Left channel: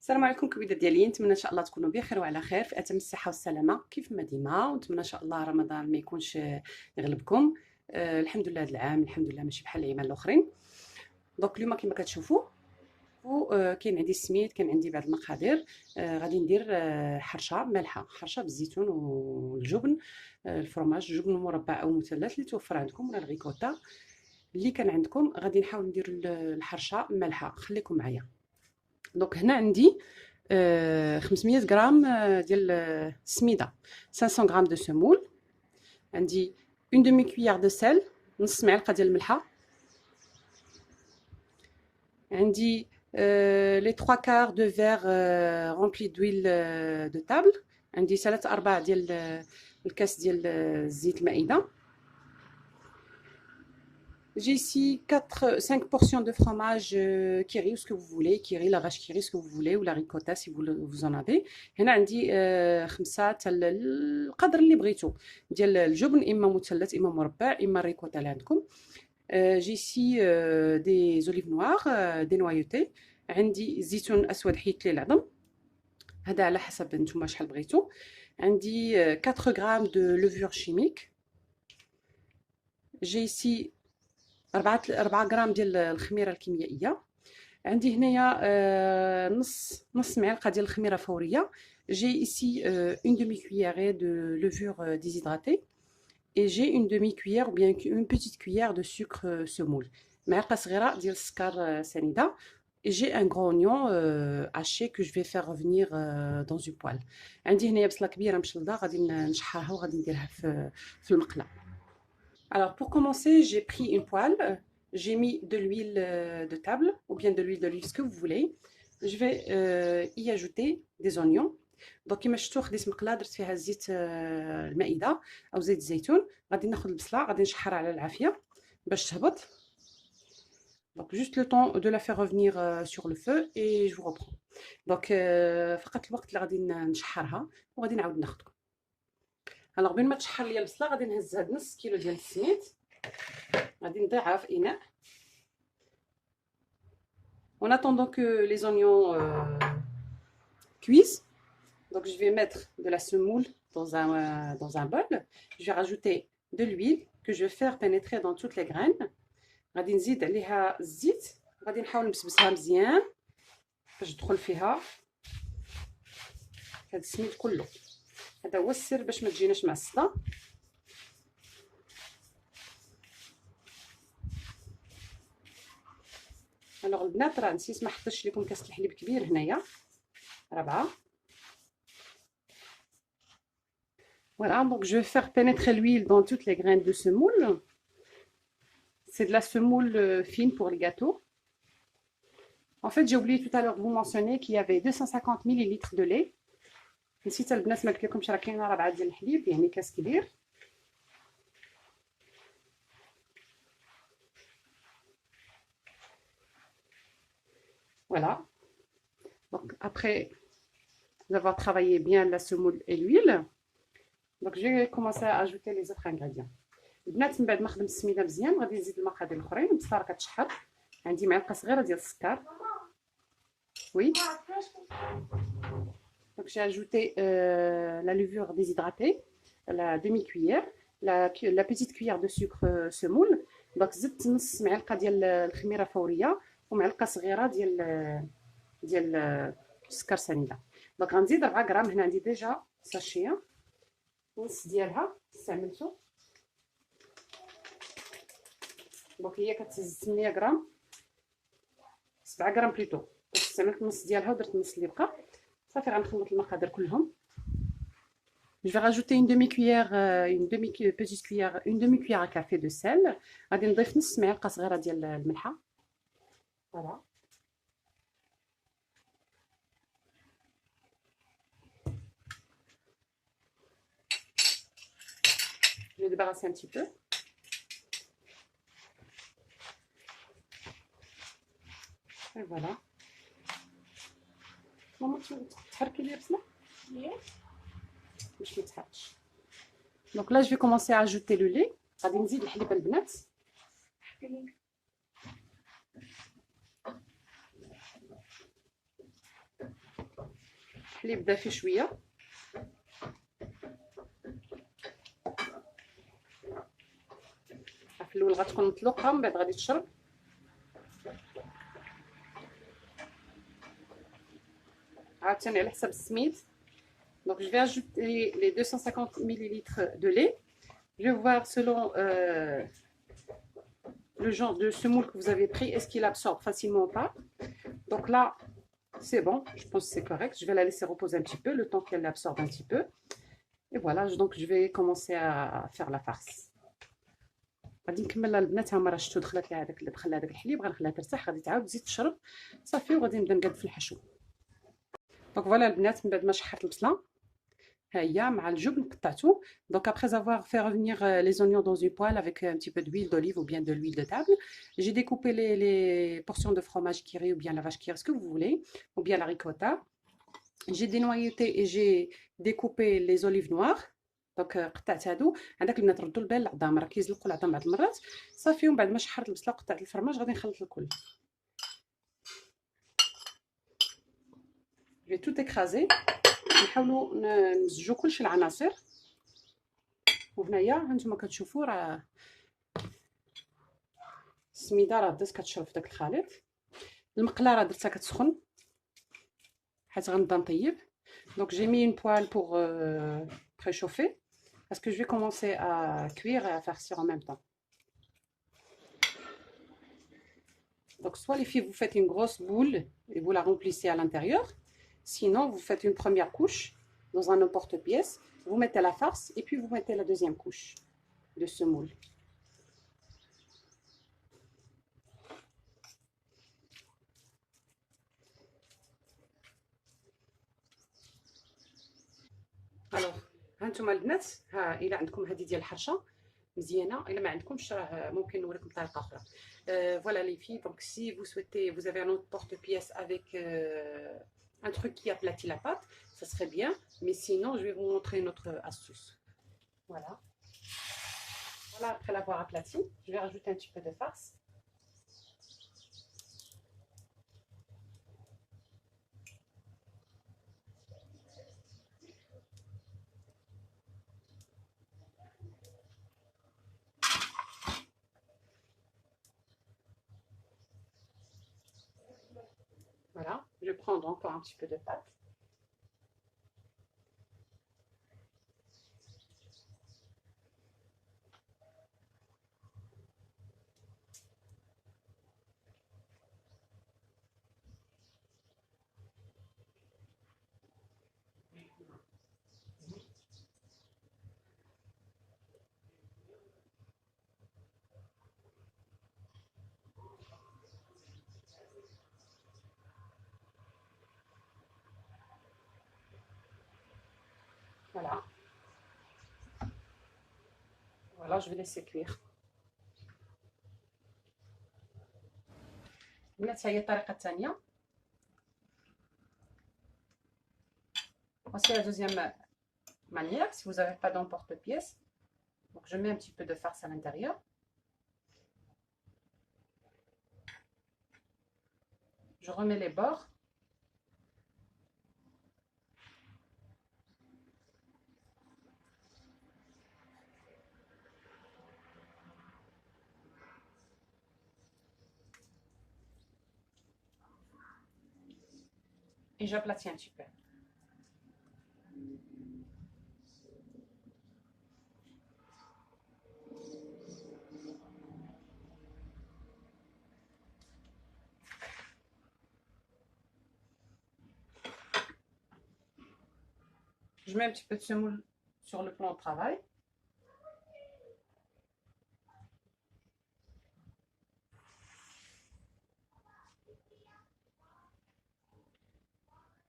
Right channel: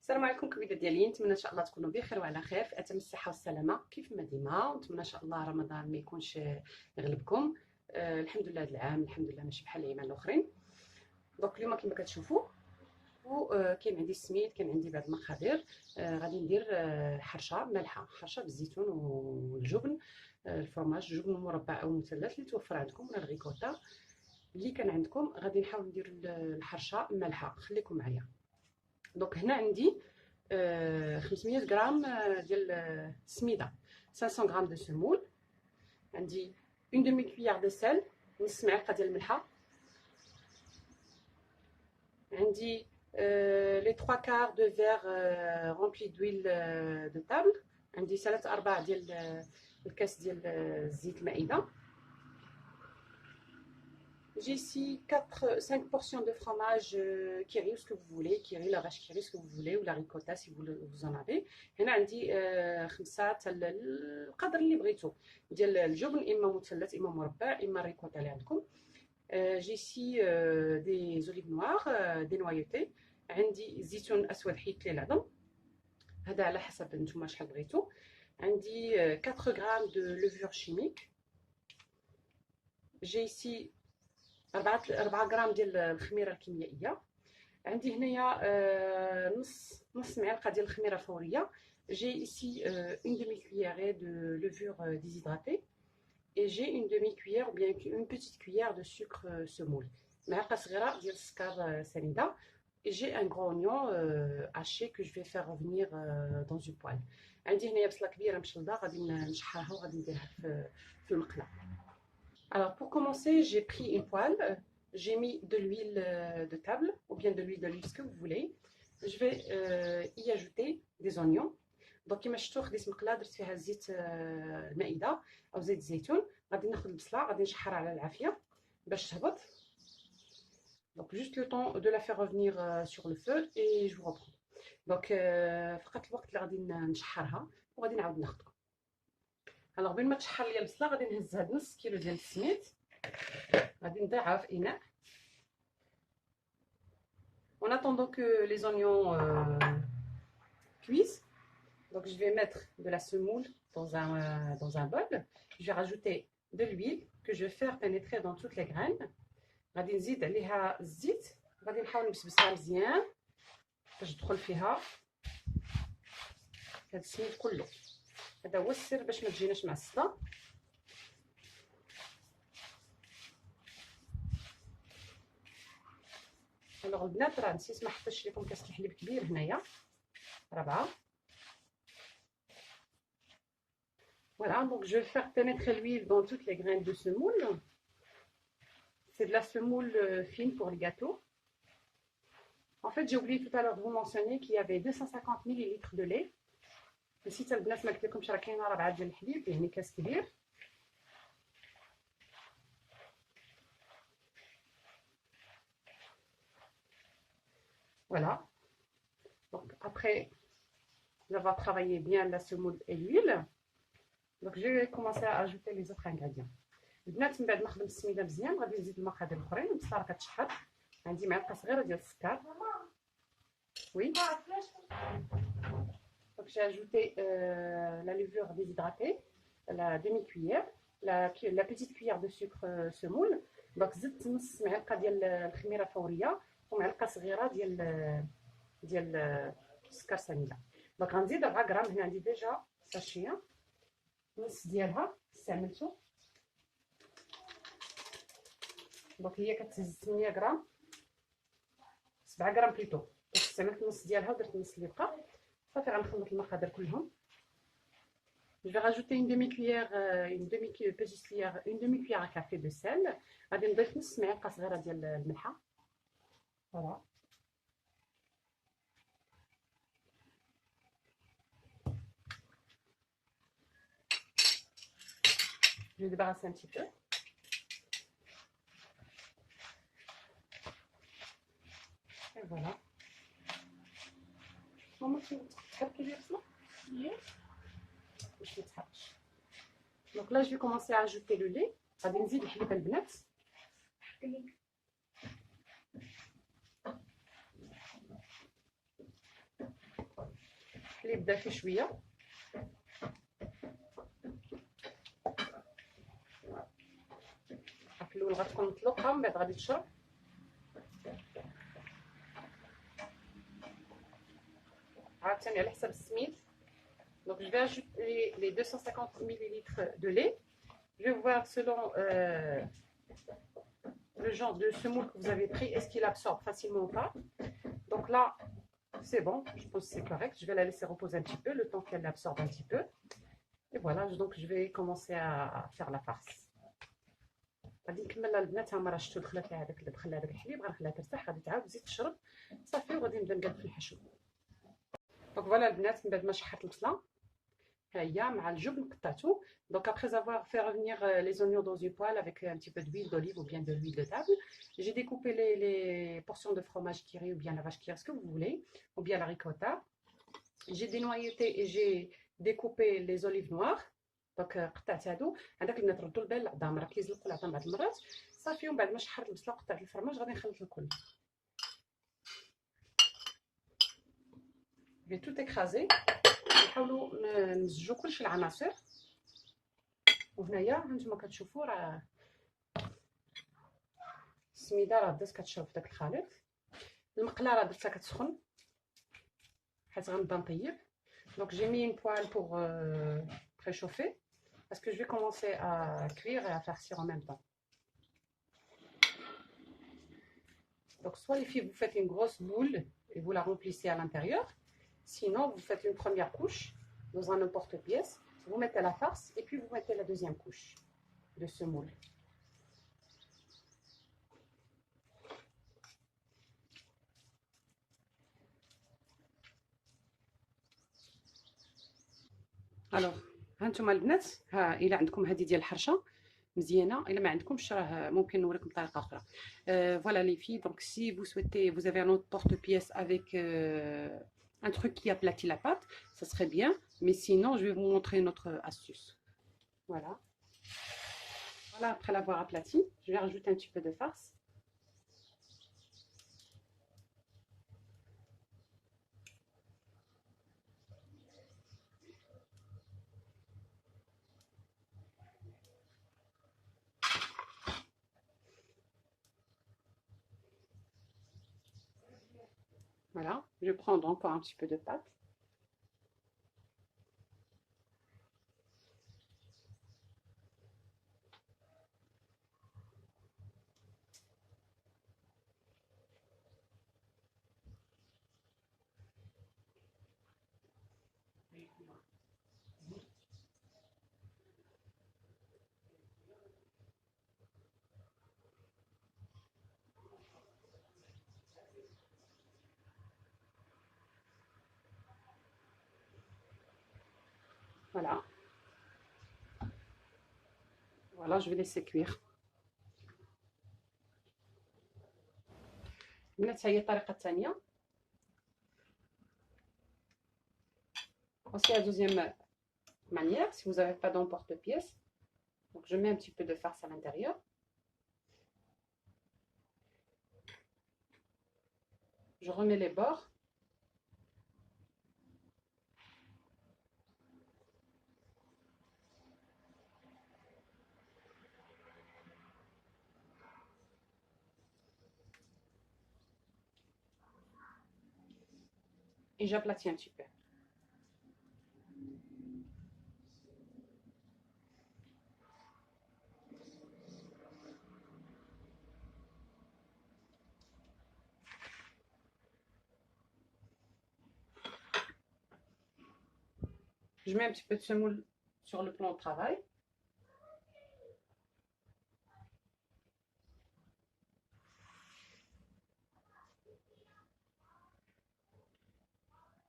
السلام عليكم كويدات ديالي، نتمنى ان شاء الله تكونوا بخير وعلى خير في اتم الصحه والسلامه كيف ما ديما، ونتمنى ان شاء الله رمضان ما يكونش يغلبكم. الحمد لله هذا العام الحمد لله ماشي بحال العيام الاخرين. دونك اليوم كما كتشوفوا كاين عندي السميد، كاين عندي بعض المقادير. غادي ندير حرشه مالحه، حرشه بالزيتون والجبن، الفرماج، الجبن المربع او مثلث اللي توفر عندكم، ولا الريكوتا اللي كان عندكم. غادي نحاول ندير الحرشه مالحه، خليكم معايا. دونك هنا عندي 500 غرام ديال السميده، 500 غرام دو سمول، عندي اون دومي كويير دو سيل، نص معلقه ديال الملحه، عندي لي 3 كار دو فير رونبلي دويل دو تابل، عندي 3/4 ديال الكاس ديال زيت المائده. J'ai ici 5 portions de fromage kiri, ce que vous voulez, kiri, la vache kiri, ce que vous voulez, ou la ricotta si vous en avez. هنا عندي 5 تاع القدر اللي بغيتو ديال الجبن، اما مثلث اما مربع اما الريكوتا اللي عندكم. جي ici des olives noires dénoyautées، عندي زيتون اسود حيت ليه العظم، هذا على حسب نتوما شحال بغيتو. عندي 4 غرام دو levure chimique. جي ici 4 غرام ديال الخميره الكيميائيه. عندي هنايا نص معلقه ديال الخميره فوريه. جي ici une demi cuillère de levure déshydratée et j'ai une demi cuillère ou bien une petite cuillère de sucre semoule، معلقه صغيره ديال السكر سنيده. et j'ai un gros oignon haché que je vais faire revenir dans une poêle. عندي هنايا بصله كبيره مشلضه، غادي نشحرها وغادي نديرها في المقله. Alors pour commencer, j'ai pris une poêle, j'ai mis de l'huile de table ou bien de l'huile d'olive, ce que vous voulez. Je vais y ajouter des oignons. Donc كما شفتوا خديت مقله درت فيها زيت المائده او زيت الزيتون. غادي ناخذ البصله، غادي نشحرها على العافيه باش تهبط. Donc juste le temps de la faire revenir sur le feu et je vous reprends. Donc فقط الوقت اللي غادي نشحرها وغادي نعاود ناخذكم. Alors بين ما تشحر ليا البصله غادي نهز هاد نص كيلو ديال السميد، غادي نضيعها في اناء. En attendant que les oignons cuisent, donc je vais mettre de la semoule dans un bol. Je vais rajouter de l'huile que je vais faire pénétrer dans toutes les graines. غادي نزيد عليها الزيت، غادي نحاول نبسبسها مزيان باش تدخل فيها هاد السميد كله. هذا هو السر باش ما تجيناش معصده. الوغ البنات راه نسيت ما حطيتش لكم كاس الحليب كبير هنايا، 4. Voilà, donc je vais faire pénétrer l'huile dans toutes les graines de semoule. C'est de la semoule fine pour les gâteaux. En fait, j'ai oublié tout à l'heure de vous mentionner qu'il y avait 250 ml de lait. نسيت البنات ما قلت لكمش راه كاينه 4 ديال الحليب، يعني كاس كبير. Voilà. Donc après avoir travaillé bien la semoule et l'huile, donc je vais commencer à ajouter les autres ingrédients. البنات من بعد ما خدمت السميده مزيان غادي نزيد المقادير الاخرين. البصله راه كتشحر، عندي معلقه صغيره ديال السكر. Oui. Donc j'ai ajouté la levure déshydratée, la demi-cuillère, la petite cuillère de sucre semoule. Donc زدت نص معلقه ديال الخميره فوريه ومعلقه صغيره ديال السكر سنيده. دونك غنزيد 4 غرام. هنا عندي ديجا ساشيه نص ديالها استعملته. دونك هي كتهز 8 غرام، 7 غرام بليتو، استعملت نص ديالها ودرت النص اللي بقى. صافي غنخلط المقادير كلهم. Je vais rajouter une demi-cuillère, petite cuillère, une demi-cuillère à café de sel. غادي نضيف نص معلقه صغيره ديال الملحه. Voilà. Je vais débarrasser un petit peu. Et voilà. ماما تحركي لي البصله؟ باش ما تحرقش. Donc là je vais commencer à ajouter le lait. غادي نزيد الحليب البنات. حليب دافي شويه. في الاول غتكون مطلوقه ومن بعد غادي تشرب. عاوتاني على حسب السميد. Donc je vais ajouter les 250 ml de lait. Je vais voir selon le genre de semoule que vous avez pris, est-ce qu'il absorbe facilement ou pas. Donc là, c'est bon, je pense que c'est correct. Je vais la laisser reposer un petit peu, le temps qu'elle absorbe un petit peu. Et voilà, donc je vais commencer à faire la farce. غادي نكمل البنات. ها هما راه شفتوا دخلت لها هذاك الحليب، غنخليها ترتاح، غادي تعاود تزيد تشرب صافي، وغادي نبدا نقاد في الحشو. دونك فوالا البنات، من بعد ما شحرت البصله ها هي مع الجبن قطعته. Donc après avoir fait revenir les oignons dans une poêle avec un petit peu d'huile d'olive ou bien de l'huile de table, j'ai découpé les portions de fromage Kiri ou bien la vache Kiri, ce que vous voulez, ou bien la ricotta. J'ai dénoyauté et j'ai découpé les olives noires. Donc قطعت هادو. عندك البنات ردوا البال العظام، راه كيزلقوا العظام بعض المرات صافي. ومن بعد ما شحرت البصله وقطعت الفرماج غادي نخلط الكل. Je vais tout écraser. نحاولوا نمزجوا كلشي العناصر. وهنايا هانتوما كتشوفوا راه السميده راه بدات كتشرب في داك الخليط. المقله راه درتها كتسخن حيت غنبدا نطيب. Donc j'ai mis une poêle pour préchauffer parce que je vais commencer à cuire et à farcir en même temps. Donc soit les filles, vous faites une grosse boule et vous la remplissez à l'intérieur. Sinon, vous faites une première couche dans un emporte-pièce. Vous mettez la farce et puis vous mettez la deuxième couche de semoule. الوغ هانتوما البنات، ها الا عندكم هذه ديال الحرشه مزيانه، الا ما عندكمش راه ممكن نوريكم بطريقه اخرى. Voilà les filles, donc si vous souhaitez, vous avez un autre porte-pièce avec un truc qui aplatit la pâte, ça serait bien, mais sinon je vais vous montrer une autre astuce. Voilà, après l'avoir aplati, je vais rajouter un petit peu de farce. Voilà, je vais prendre encore un petit peu de pâte. Voilà. Voilà, je vais laisser cuire. البنات هي الطريقه الثانيه. Voici la deuxième manière, si vous n'avez pas d'emporte-pièce. Donc je mets un petit peu de farce à l'intérieur. Je remets les bords. Et j'aplatis un petit peu. Je mets un petit peu de semoule sur le plan de travail.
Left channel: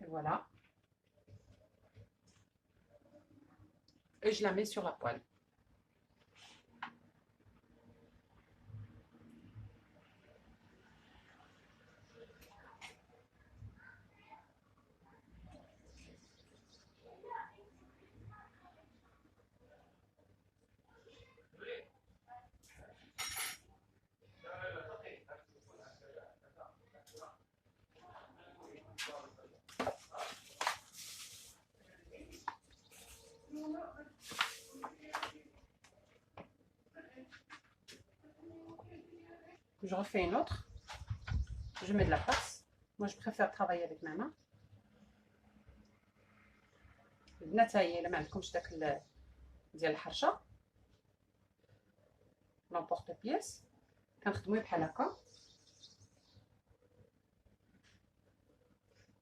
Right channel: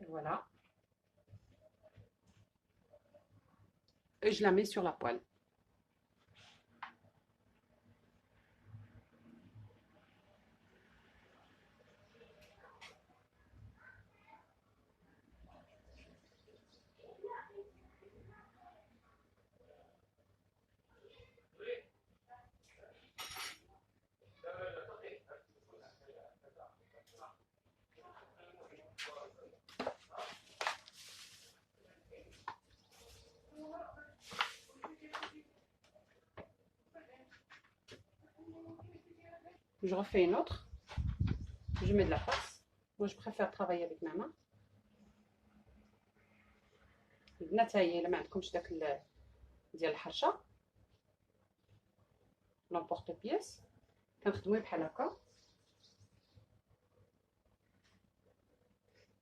Et voilà. Et je la mets sur la poêle. Je refais une autre. Je mets de la farce. Moi, je préfère travailler avec ma main. البنات هاهي الا ما عندكمش داك ديال الحرشه لامبورط بياس كنخدمو بحال هكا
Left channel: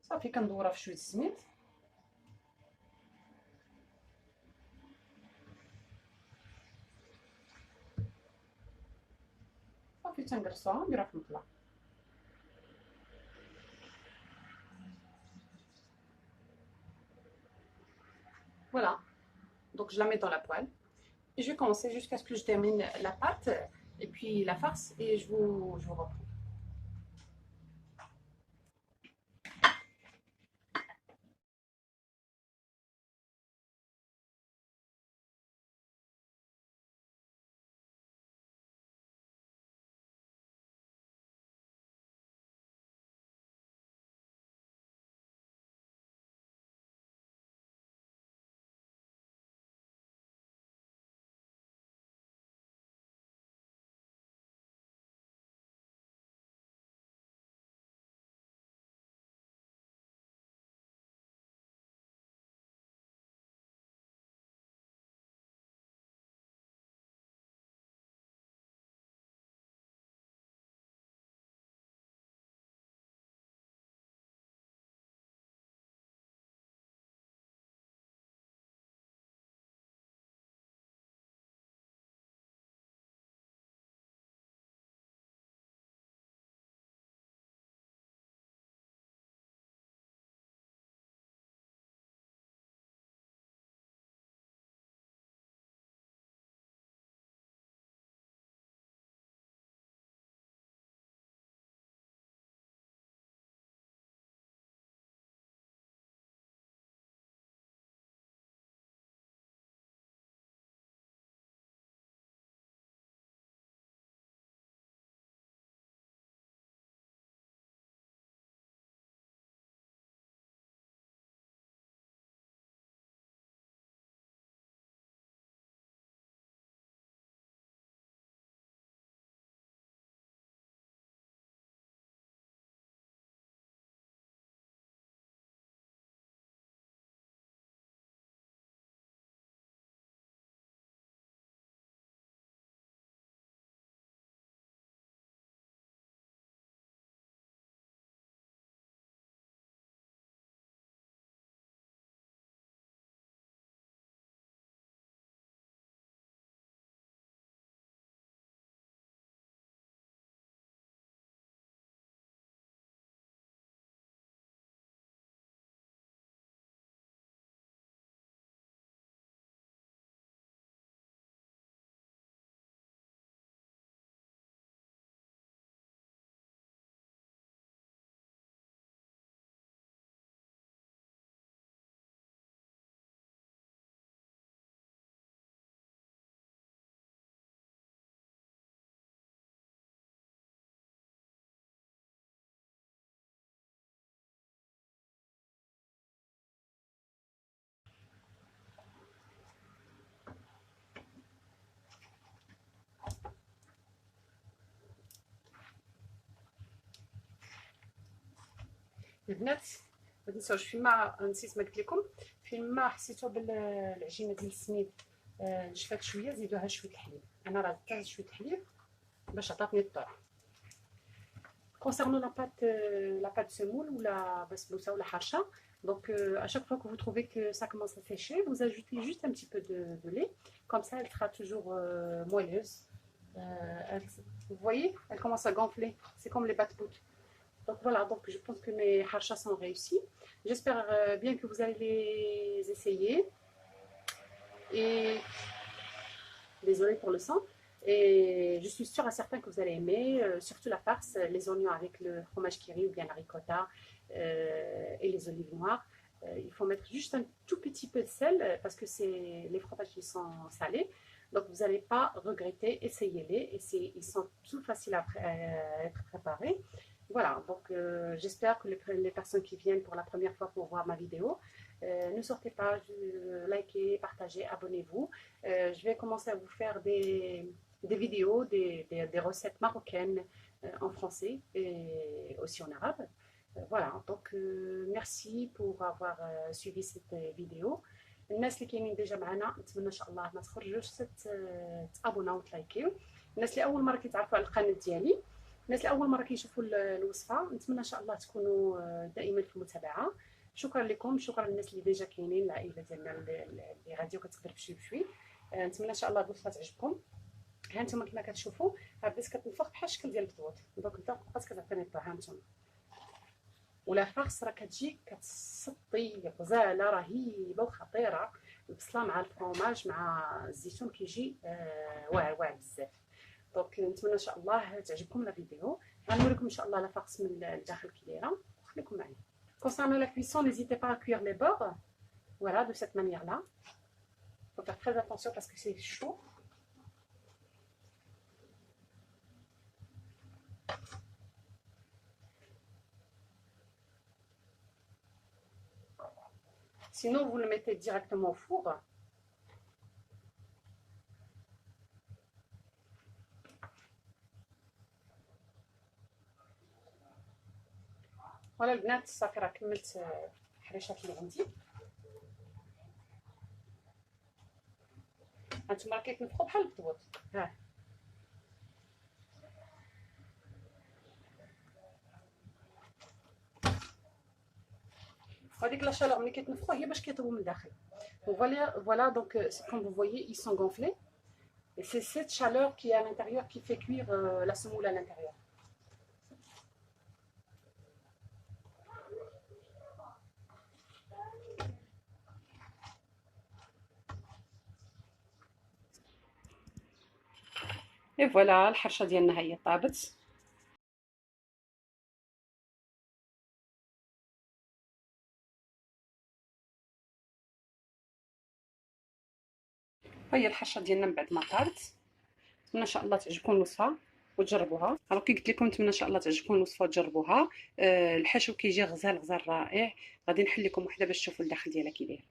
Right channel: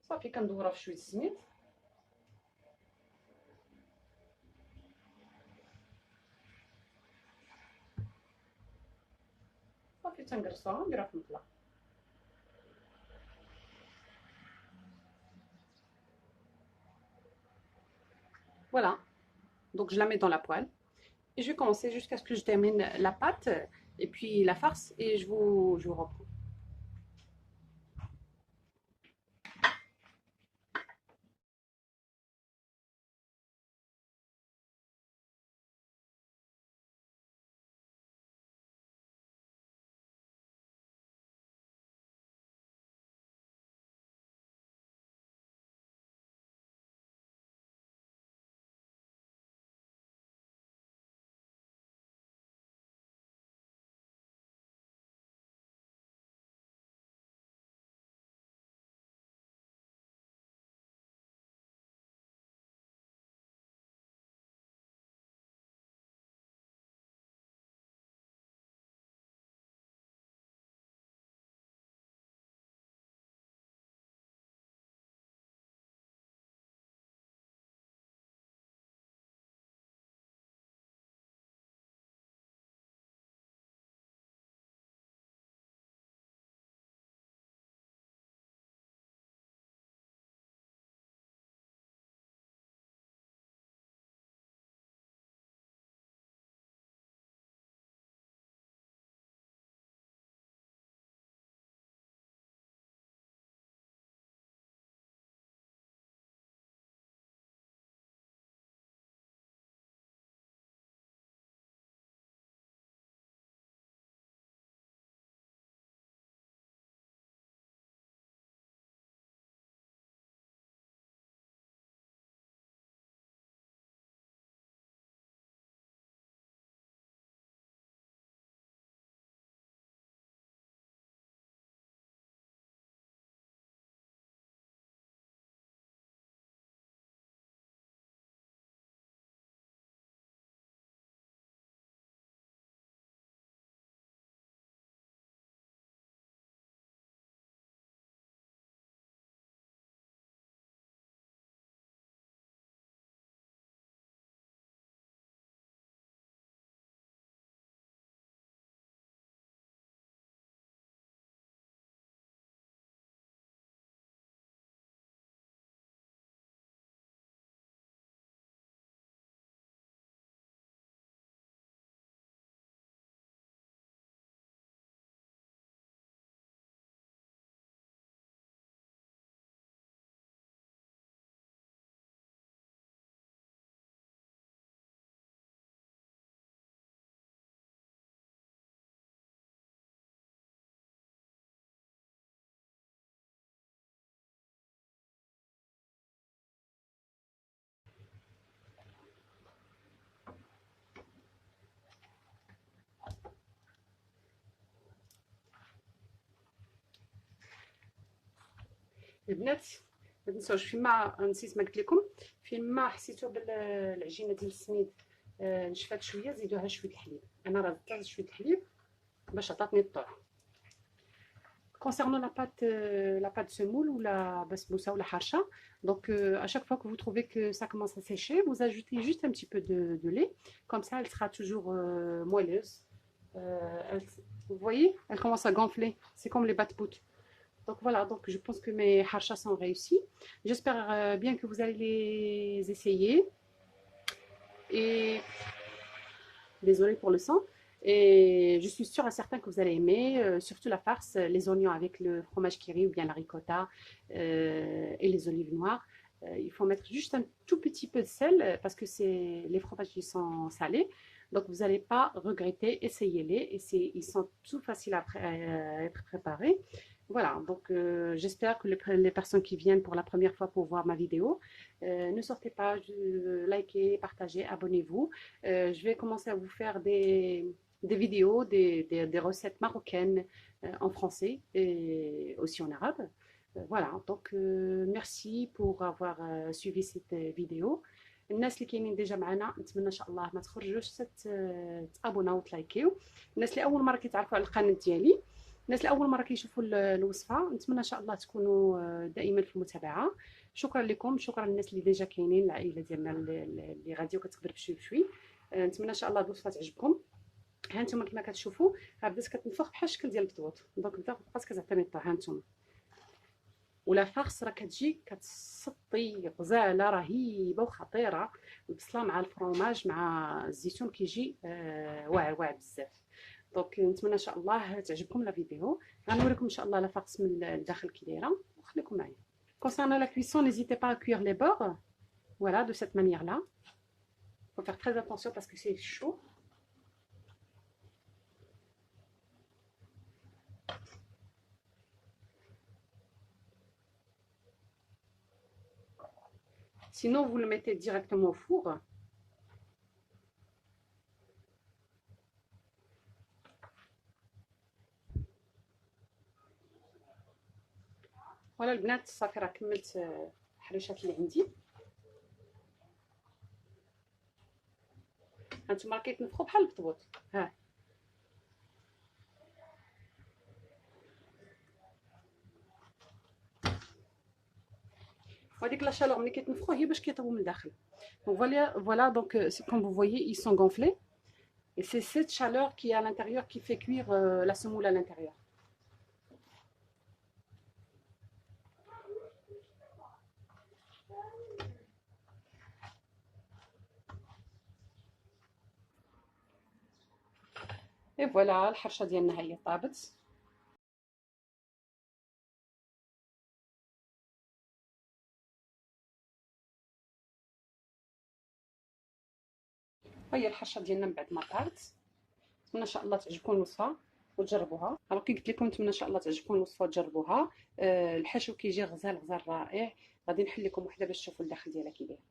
صافي. كندورها في شويه السميد صافي. تنقرصوها نديرها في المطله. Voilà, donc je la mets dans la poêle et je vais commencer jusqu'à ce que je termine la pâte et puis la farce et je vous reprends. البنات ما تنساوش فيما نسيت ما قلت لكم فيما حسيتوا بالعجينه ديال السميد نشفات شويه زيدوها شويه الحليب. انا راه زدت شويه الحليب باش عطاتني الطعم. Concernant la pâte semoule ou la basboussa ou la harcha, donc à chaque fois que vous trouvez que ça commence à sécher, vous ajoutez juste un petit peu de lait, comme ça elle sera toujours moelleuse. Vous voyez, elle commence à gonfler, c'est comme les bat-bout. Donc voilà, donc je pense que mes harchas sont réussis. J'espère bien que vous allez les essayer. Et désolée pour le son. Et je suis sûre et certain que vous allez aimer, surtout la farce, les oignons avec le fromage kiri ou bien la ricotta et les olives noires. Il faut mettre juste un tout petit peu de sel parce que les fromages qui sont salés. Donc vous n'allez pas regretter, essayez-les. Et ils sont tout faciles à être préparés. Voilà, donc j'espère que les personnes qui viennent pour la première fois pour voir ma vidéo, ne sortez pas, likez, partagez, abonnez-vous. Je vais commencer à vous faire des vidéos, des recettes marocaines en français et aussi en arabe. Voilà, donc merci pour avoir suivi cette vidéo. الناس اللي كاينين ديجا معنا نتمنى ان شاء الله ما تخرجوش تابوناو وتلايكيو. الناس اللي اول مره كيتعرفوا على القناه ديالي، الناس اللي اول مره كيشوفوا الوصفه، نتمنى ان شاء الله تكونوا دائما في المتابعه. شكرا لكم، شكرا للناس اللي ديجا كاينين، العائله ديالنا اللي غادي وكتقدر بشوي بشوي. نتمنى ان شاء الله الوصفه تعجبكم. ها انتم كما كتشوفوا بدات كتنفخ بحال الشكل ديال البطوط، دونك بقات كتعطيني الطعم. ها انتم ولا فارس راه كتجي كتسطي غزاله رهيبه وخطيره، البصله مع الفرomاج مع الزيتون كيجي واعر واعر بزاف. دونك نتمنى ان شاء الله تعجبكم لا فيديو. غنوريكم ان شاء الله لا فارس من الداخل كي دايره، خليكم معايا. Concernant la cuisson, n'hésitez pas à cuire les beurres, voilà, de cette manière-là. Il faut faire très attention parce que c'est chaud. Sinon, vous le mettez directement au four. Voilà البنات، صافي راه كملت الحريشات اللي عندي. هانتوما راه كيتنفخوا بحال البطبوط. ها وهذيك لا شالور ملي كيتنفخوا هي باش كيطيبوا من الداخل. Voilà donc comme vous voyez ils sont gonflés et c'est cette chaleur qui est à l'intérieur qui fait cuire la semoule à l'intérieur. Et voilà الحرشه ديالنا هي طابت. هي الحرشه ديالنا من بعد ما طارت. نتمنى ان شاء الله تعجبكم الوصفه وتجربوها. راه كي قلت لكم نتمنى ان شاء الله تعجبكم الوصفه وتجربوها. الحشو كيجي غزال غزال رائع. غادي نحل لكم وحده باش تشوفوا الداخل ديالها كي داير.